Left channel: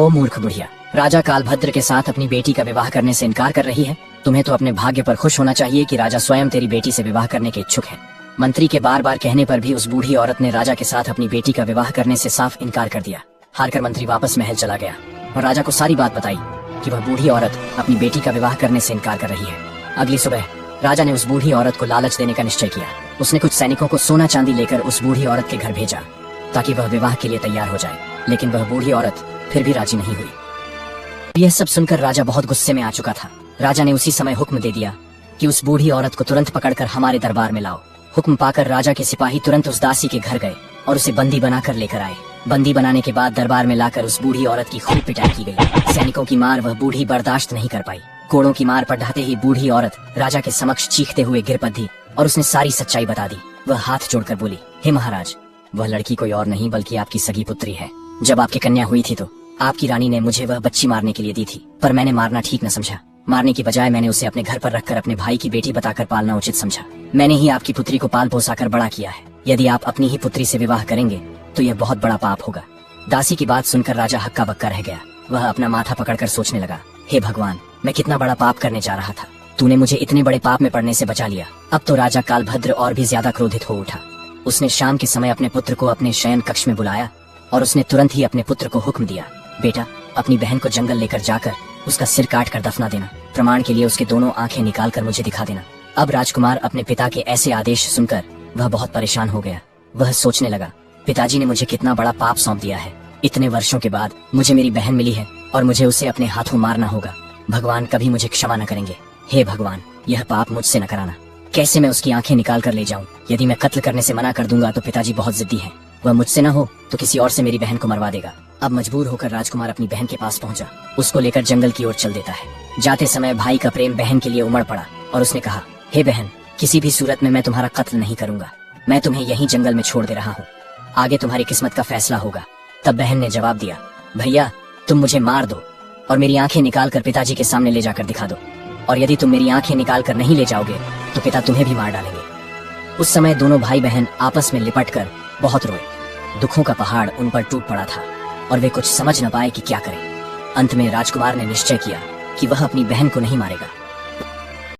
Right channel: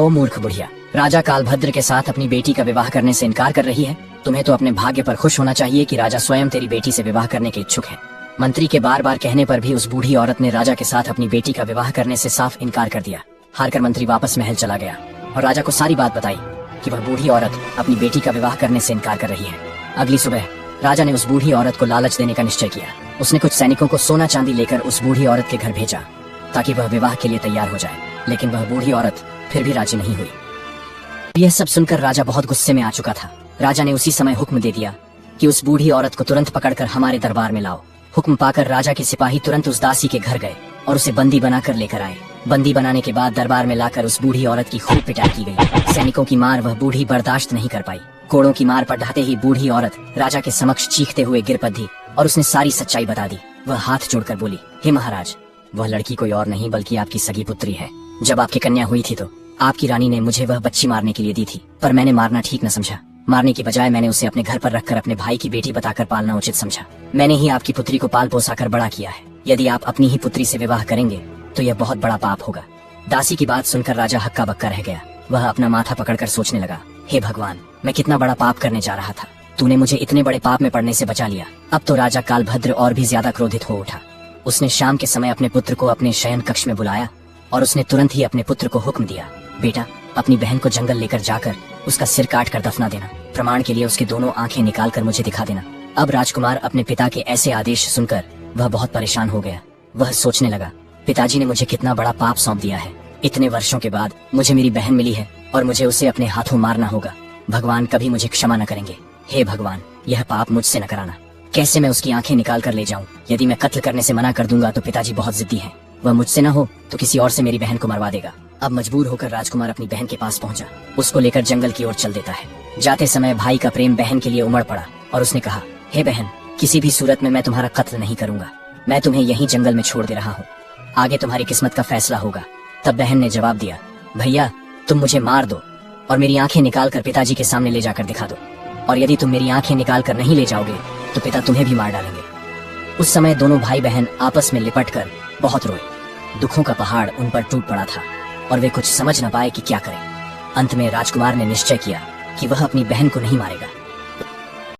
ओ मूर्ख बुढ़िया, राजा कालभद्र के साथ अपनी बेटी का विवाह करने से इनकार कर रही है। तुम्हें तो अपने भाग्य पर खुश होना चाहिए कि राजा स्वयं तेरी बेटी से विवाह करने के इच्छुक हैं। मंत्री के बार बार कहने पर भी उस बूढ़ी औरत ने राजा के साथ अपनी बेटी का विवाह करने से साफ इनकार कर दिया। हारकर मंत्री वापस महल चला गया और राजा को सारी बात बताई कि वह बूढ़ी औरत अपनी बेटी का विवाह करने से इनकार कर रही है। अगली सुबह राजा ने उस बूढ़ी औरत को लालच देने का निश्चय किया। उसने कुछ सैनिकों को सोना चांदी लेकर उस बूढ़ी औरत के घर भेजा ताकि वह विवाह के लिए तैयार हो जाए, लेकिन वह बूढ़ी औरत फिर भी राजी नहीं हुई। यह सब सुनकर राजा बहुत गुस्से में आ चुका था। राजा ने उसी समय हुक्म दे दिया कि उस बूढ़ी औरत को तुरंत पकड़कर हमारे दरबार में लाओ। हुक्म पाकर राजा के सिपाही तुरंत उस दासी के घर गए और उसे बंदी बनाकर लेकर आए। बंदी बनाने के बाद दरबार में लाकर उस बूढ़ी औरत की खूब पिटाई की गई। सैनिकों की मार वह बूढ़ी बर्दाश्त नहीं कर पाई। कोड़ों की मार पर ढहते ही बूढ़ी औरत राजा के समक्ष चीखते हुए गिर पड़ी और उसने सारी सच्चाई बता दी। वह हाथ जोड़कर बोली, हे महाराज, वह लड़की कोई और नहीं बल्कि आपकी सगी पुत्री है। जब आपकी कन्या हुई थी तो आपकी रानी ने मुझे वह बच्ची मारने के लिए दी थी, पर मैंने मारना ठीक न समझा। मारने की बजाय मैंने उसे अपने घर पर रखकर अपने भाई की बेटी बताकर पालना उचित समझा। मैंने ही आपकी पुत्री को पाल पोसा कर बड़ा किया है। यदि आप अपनी ही पुत्री से विवाह करेंगे तो यह बहुत बड़ा पाप होगा। दासी की बात सुनकर राजा हक्का बक्का रह गया। वह अपना माथा पकड़कर सोचने लगा, हे भगवान, मैं कितना बड़ा पाप करने जा रहा था। तूने मुझे इतने बड़े पाप में पड़ने से बचा लिया। अब तो राजा कालभद्र और भी ज्यादा क्रोधित हो उठा। उसने शाम के समय अपने पुत्र को अपने शयन कक्ष में बुलाया और उसने तुरंत ही अपने पुत्र को हुक्म दिया, बेटा, अपनी बहन को जंगल लेकर जाकर उसका सिर काट कर दफना देना। प्रमाण के लिए उसकी दोनों आंखें निकाल कर मुझे दिखा देना। अब राजकुमार अपने पिता के ऐसे आदेश सुनकर वह बहुत परेशान हो गया। वह सोचने लगा, पिताजी ने मुझे कितना बड़ा पाप सौंप दिया है। इतने वर्षों के बाद मुझे मेरी बहन मिली है और मुझे उसे अपने हाथों मारना होगा। भगवान कभी मुझे क्षमा न करेंगे। हे भगवान, यह पाप मुझसे न कराना। कैसे मैं उसकी आंखें निकाल कर ले जाऊं? यदि मैं कत्ल करने से मना कर दूंगा तो पिताजी बहुत जिद्दी हैं। वह मुझसे न हो तो किसी और से मेरी बहन को मरवा देगा। अब मजबूर होकर राजकुमार अपनी बहन के पास पहुंचा। उसको लेकर जंगल की ओर चल देता है। जाते समय भाई का प्रेम बहन के लिए उमड़ पड़ा और उसने कहा, हे बहन, किसी भी सूरत में मैं तुम्हारा कत्ल नहीं करूंगा। मैं तुम्हें यहीं जंगल में छोड़ दे रहा हूँ। आगे तुम्हारी किस्मत का फैसला होगा। तब बहन ने जवाब दिया, भैया, तुम मुझे मार दो और मेरी आंखें निकाल कर पिताजी के सामने ले जाकर दिखा दो, और यदि तुम मेरी आंखें निकाल कर नहीं ले जाओगे तो पिता तुम्हें भी मार डालेंगे। उस समय दोनों भाई बहन आपस में लिपटकर बहुत रोए। दुखों का पहाड़ उन पर टूट पड़ा था और वे कुछ समझ न पाए कि क्या करें। अंत में राजकुमार ने निश्चय किया कि वह अपनी बहन को नहीं मारेगा।